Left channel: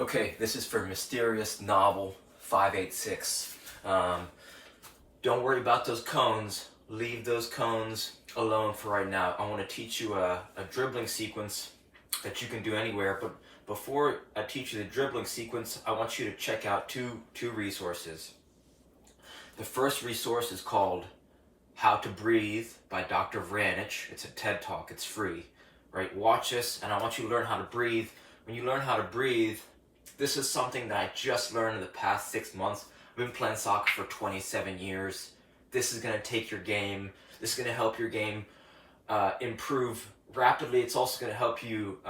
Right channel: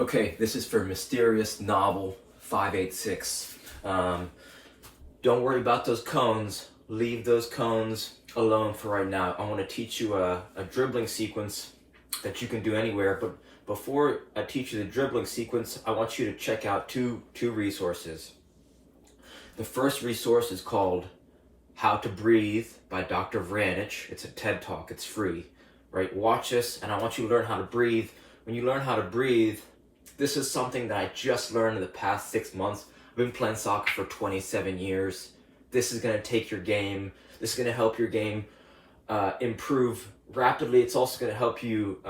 Okay, this is for Mysterious Novel 586. Don't worry about those cones. Leave those cones alone for right now. I want to teach you a dribbling sequence that you can do anywhere. But before I teach you the dribbling sequence, I want you to check out two resources. The first resource is called How to Breathe by Dr. Vranich. It's a TED Talk. It's free. Right? Watch this, and I want you to learn how to breathe. When you learn how to breathe, this is something that I just learned in the past 6 months. I've been playing soccer for 27 years. This is going to take your game. This is going to help your game improve rapidly. It's also going to help you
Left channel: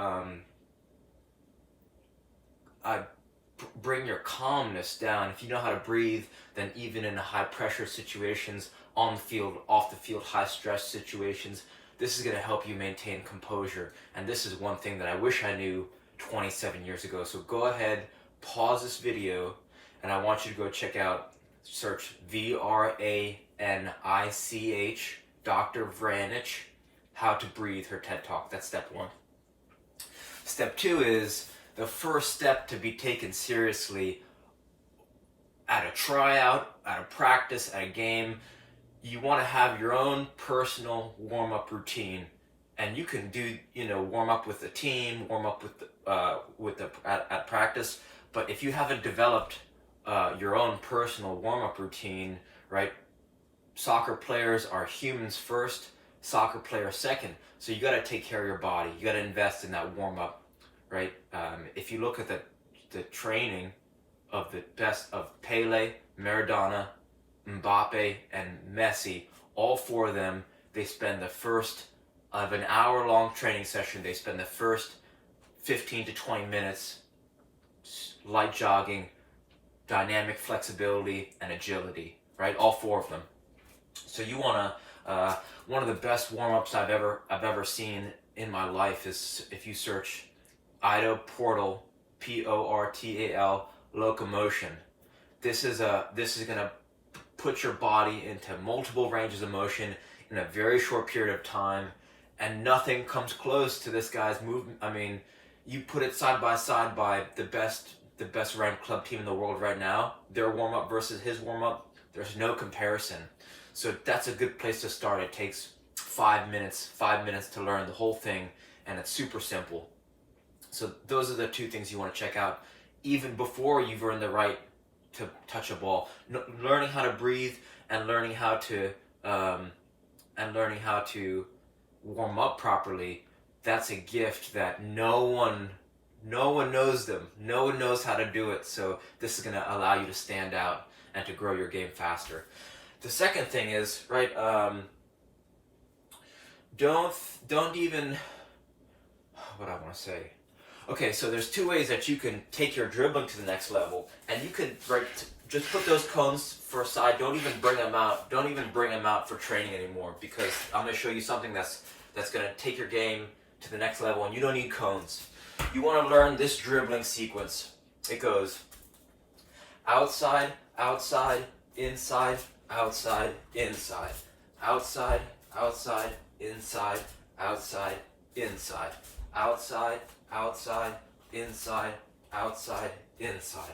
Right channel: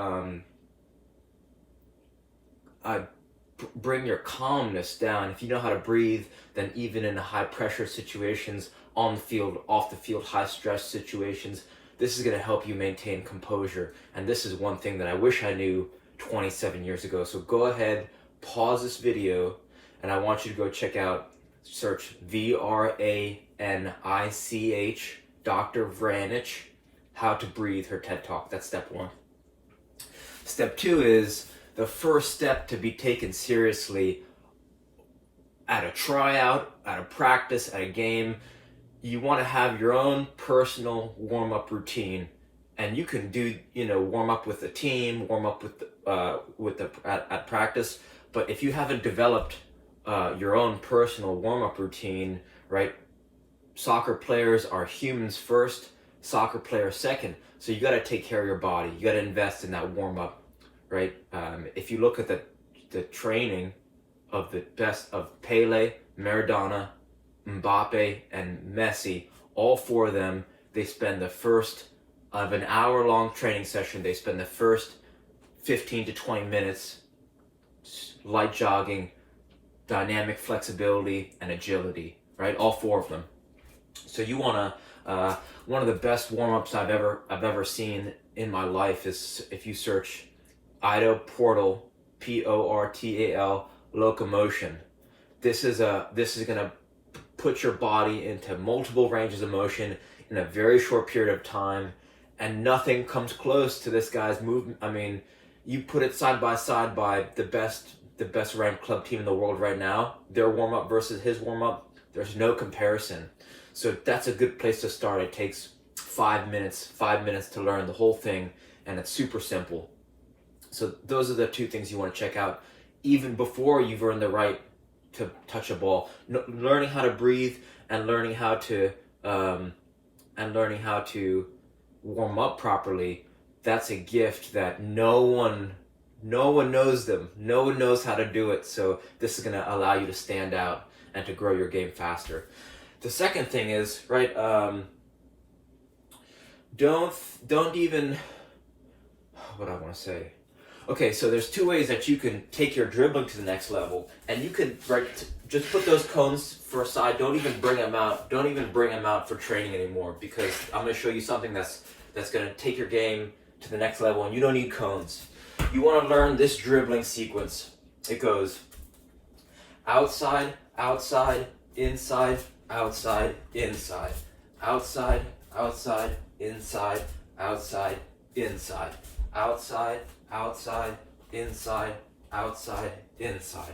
bring your calmness down. If you know how to breathe, then even in high pressure situations, on the field, off the field, high stress situations, this is going to help you maintain composure. And this is one thing that I wish I knew 27 years ago. So go ahead, pause this video, and I want you to go check out, search Vranich, Dr. Vranich, How to Breathe, her TED Talk. That's step one. Step two is the first step to be taken seriously at a tryout, at a practice, at a game. You want to have your own personal warm-up routine. And you can do, warm up with the team, warm up at practice. But if you haven't developed your own personal warm up routine, right? Soccer players are humans first, soccer players second. So you got to take care of your body. You got to invest in that warm up, right? If you look at the training of the best of Pele, Maradona, Mbappe, and Messi, all four of them, they spend the first of an hour-long training session, they spend the first 15 to 20 minutes light jogging, dynamic flexibility, and agility, right? All four of them. So you want to, one of the best warm-ups I've ever seen in my life is if you search Ido Portal, Portal, locomotion. This is going to put your body into multiple ranges of motion in a very short period of time. And nothing comes close to this guy's movement. I mean, you put it side by side by the best ranked club team in the world right now, their warm-up versus his warm-up, there's no comparison. So that's a good place to start. It takes 5 minutes to learn the whole thing, and it's super simple. So those are the two things you want to check out, even before you've earned the right to touch a ball. Learning how to breathe and learning how to warm up properly, that's a gift that no one knows them. No one knows how to do it. So this is going to allow you to stand out and to grow your game faster. The second thing is, right, don't even, what do I want to say? Okay, so there's two ways that you can take your dribbling to the next level, and you can, right, just put those cones for a side. Don't even bring them out. Don't even bring them out for training anymore, because I'm going to show you something that's going to take your game to the next level, and you don't need cones. You want to learn this dribbling sequence. It goes outside, outside, inside, outside, inside, outside, outside, inside, outside, inside, outside, outside, inside, outside, inside.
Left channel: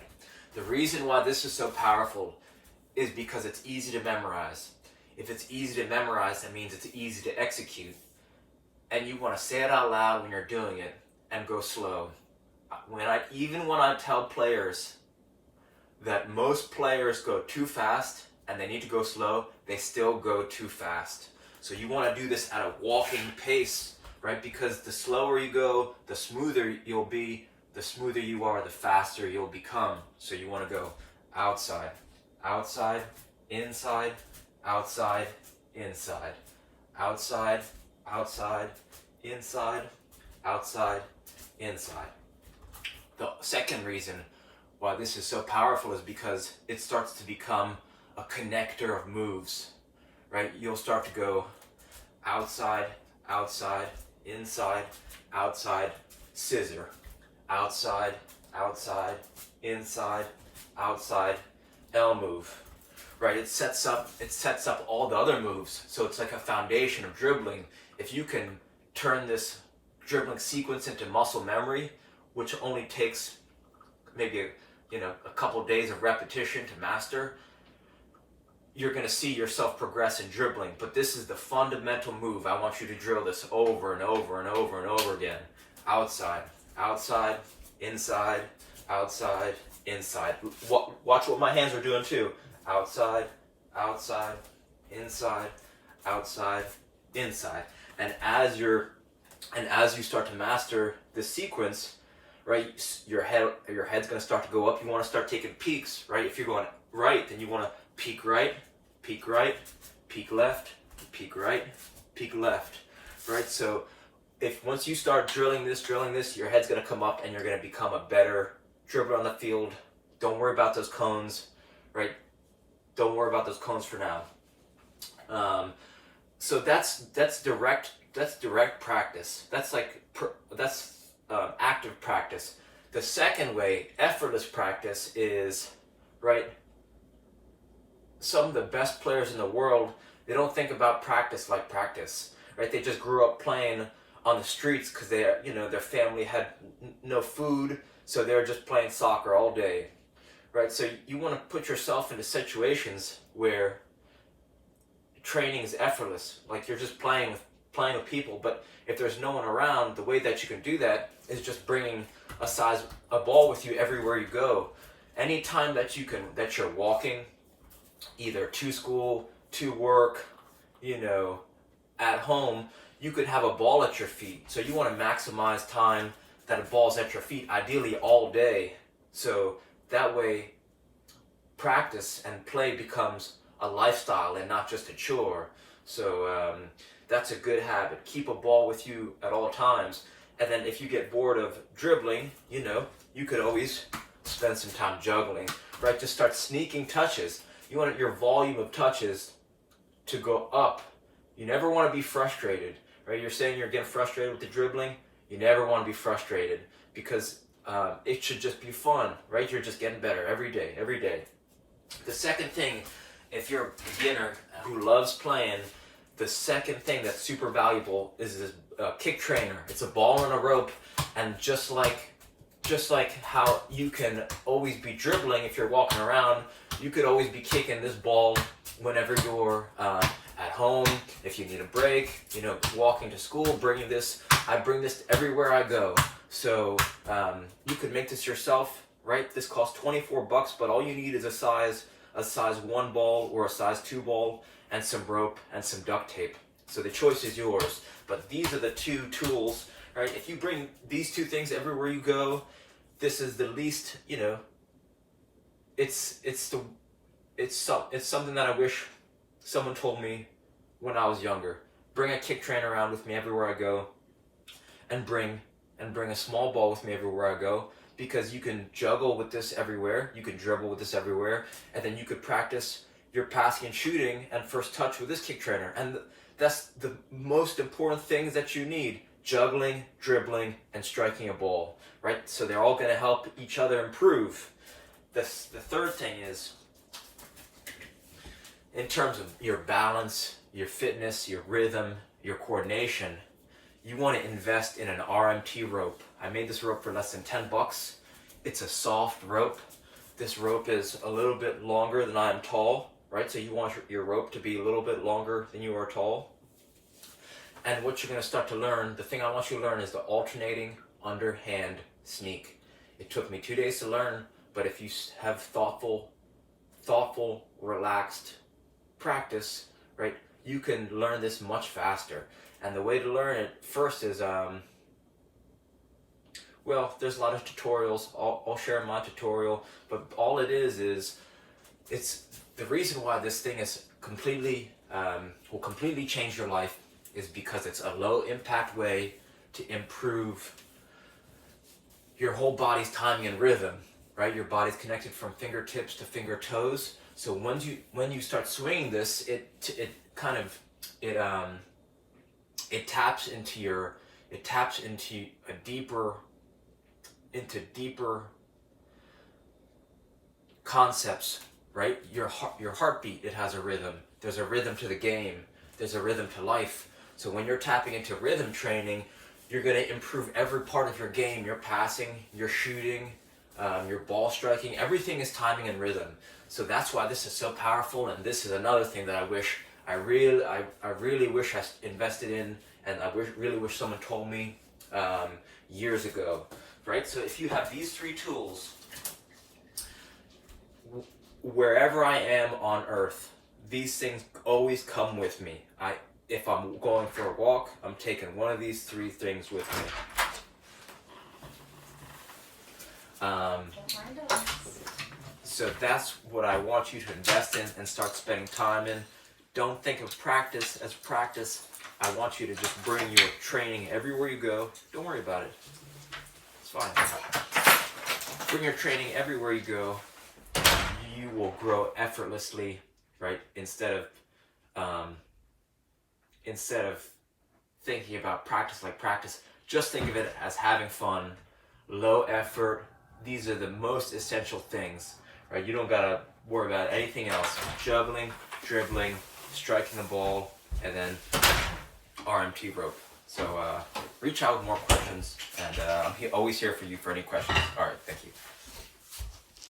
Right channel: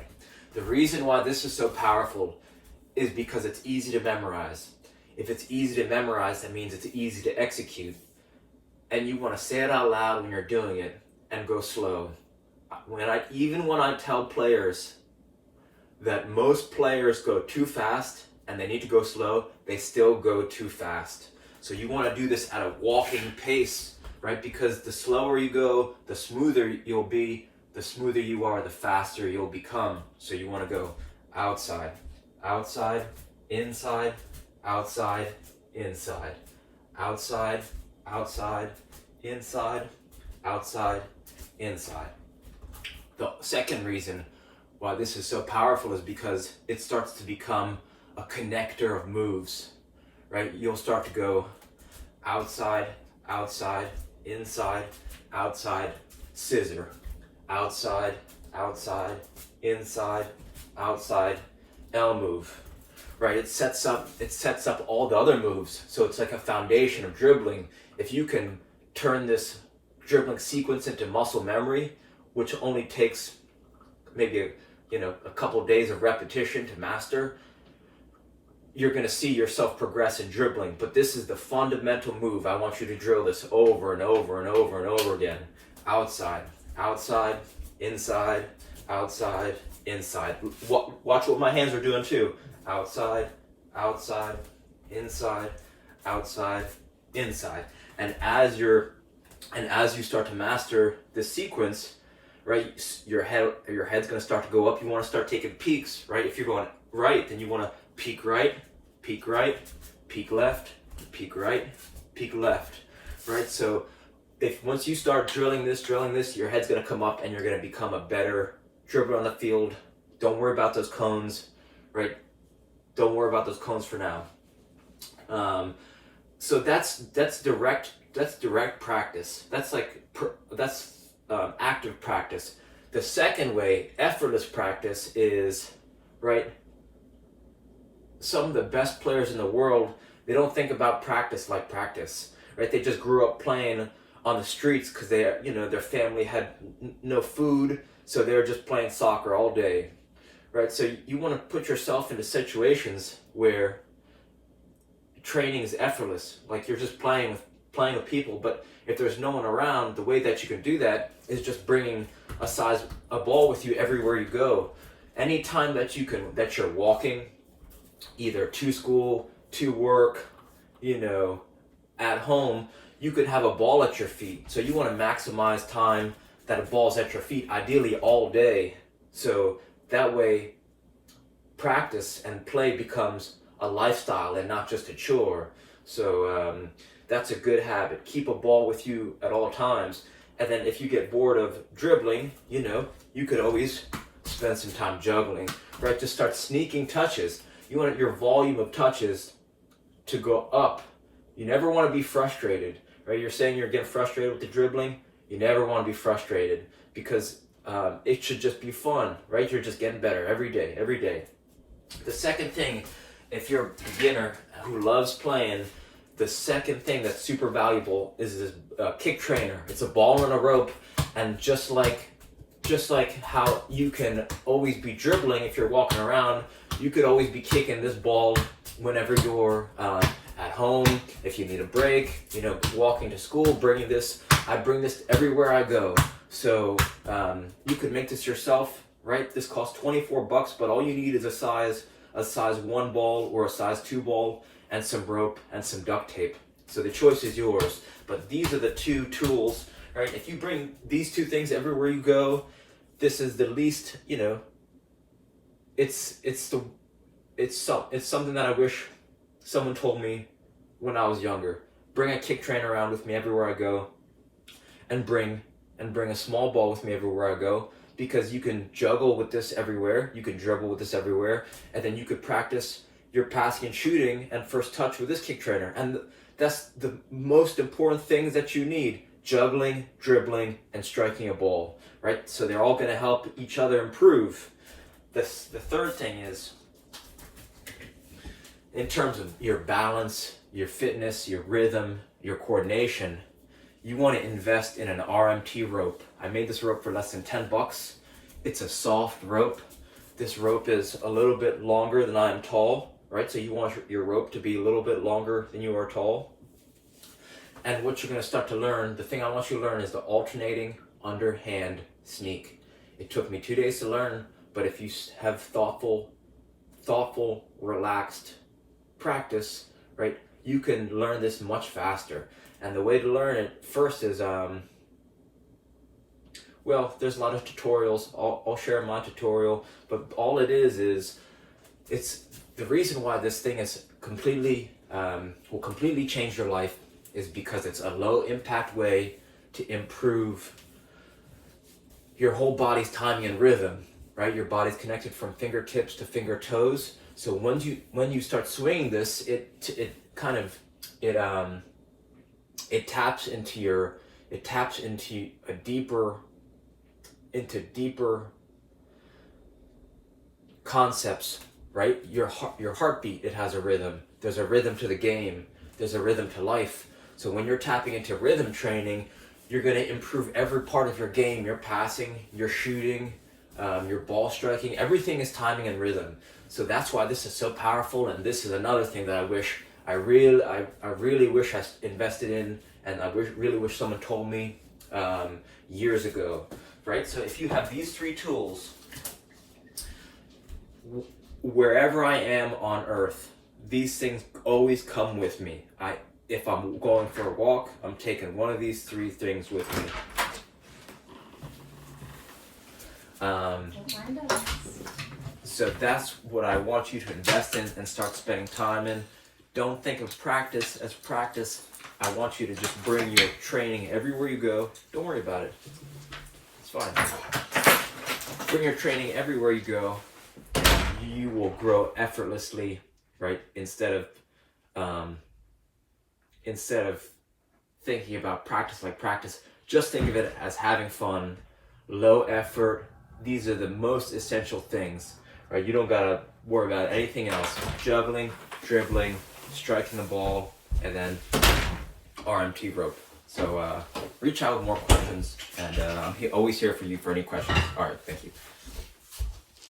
The reason why this is so powerful is because it's easy to memorize. If it's easy to memorize, that means it's easy to execute. And you want to say it out loud when you're doing it and go slow. Even when I tell players that most players go too fast and they need to go slow, they still go too fast. So you want to do this at a walking pace, right? Because the slower you go, the smoother you'll be. The smoother you are, the faster you'll become. So you want to go outside, outside, inside, outside, inside, outside, outside, inside, outside, inside. The second reason why this is so powerful is because it starts to become a connector of moves, right? You'll start to go outside, outside, inside, outside, scissor, outside, outside, inside, outside, L move, right? It sets up all the other moves. So it's like a foundation of dribbling. If you can turn this dribbling sequence into muscle memory, which only takes maybe a couple of days of repetition to master, you're going to see yourself progress in dribbling. But this is the fundamental move. I want you to drill this over and over and over and over again. Outside, outside, inside, outside, inside. Watch what my hands are doing too. Outside, outside, inside, outside, inside. And as you start to master this sequence, right, your head's going to start to go up. You want to start taking peaks, right? If you're going right, then you want to peak right, peak left, peak right, peak left, right? So once you start drilling this, your head's going to come up and you're going to become a better dribbler on the field. Don't worry about those cones, right? Don't worry about those cones for now. So that's direct practice. That's active practice. The second way, effortless practice, is, right, some of the best players in the world, they don't think about practice like practice, right? They just grew up playing on the streets because their family had no food, so they were just playing soccer all day, right? So you want to put yourself into situations where training is effortless, like you're just playing with people. But if there's no one around, the way that you can do that is just bringing a ball with you everywhere you go. Anytime that you're walking, either to school, to work, at home, you could have a ball at your feet. So you want to maximize time that a ball's at your feet, ideally all day. So that way, practice and play becomes a lifestyle and not just a chore. So that's a good habit. Keep a ball with you at all times. And then if you get bored of dribbling, you could always spend some time juggling, right? Just start sneaking touches. You want your volume of touches to go up. You never want to be frustrated, right? You're saying you're getting frustrated with the dribbling. You never want to be frustrated because it should just be fun, right? You're just getting better every day. The second thing, if you're a beginner who loves playing, the second thing that's super valuable is this kick trainer. It's a ball and a rope, and just like how you can always be dribbling if you're walking around, you could always be kicking this ball whenever you're at home, if you need a break, walking to school, bringing this. I bring this everywhere I go. So you could make this yourself, right? This costs $24, but all you need is a size 1 ball or a size 2 ball and some rope and some duct tape. So the choice is yours. But these are the two tools, right? If you bring these two things everywhere you go, this is the least, it's something that I wish someone told me when I was younger. Bring a kick trainer around with me everywhere I go, and bring a small ball with me everywhere I go, because you can juggle with this everywhere, you can dribble with this everywhere, and then you could practice your passing and shooting and first touch with this kick trainer. And that's the most important things that you need: juggling, dribbling, and striking a ball, right? So they're all going to help each other improve. The third thing is, in terms of your balance, your fitness, your rhythm, your coordination, you want to invest in an RMT rope. I made this rope for less than $10. It's a soft rope. This rope is a little bit longer than I am tall, right? So you want your rope to be a little bit longer than you are tall. And what you're going to start to learn, the thing I want you to learn, is the alternating underhand sneak. It took me 2 days to learn, but if you have thoughtful, relaxed practice, right, you can learn this much faster. And the way to learn it first is, there's a lot of tutorials. I'll share my tutorial, but all it is it's the reason why this thing is will completely change your life is because it's a low impact way to improve your whole body's timing and rhythm, right? Your body's connected from fingertips to finger toes. So when you start swinging this, it taps into deeper concepts, right? Your heartbeat, it has a rhythm. There's a rhythm to the game. There's a rhythm to life. So when you're tapping into rhythm training, you're going to improve every part of your game: your passing, your shooting, your ball striking. Everything is timing and rhythm. So that's why this is so powerful. And this is another thing that I really wish I invested in, and really wish someone told me years ago, right? So if you have these 3 tools, wherever I am on earth, these things always come with me. If I'm going for a walk, I'm taking one of these 3 things with me. So that's what I want you to invest in and start spending time in. Don't think of practice as practice. I want you to just bring your training everywhere you go. Don't worry about it. It's fine. Bring your training everywhere you go. You will grow effortlessly, right? Instead of thinking about practice like practice, just think of it as having fun, low effort. These are the most essential things, right? You don't gotta worry about anything else. Juggling, dribbling, striking the ball, and then RMT rope. So reach out with more questions, and I'm always here for you for any questions. All right, thank you.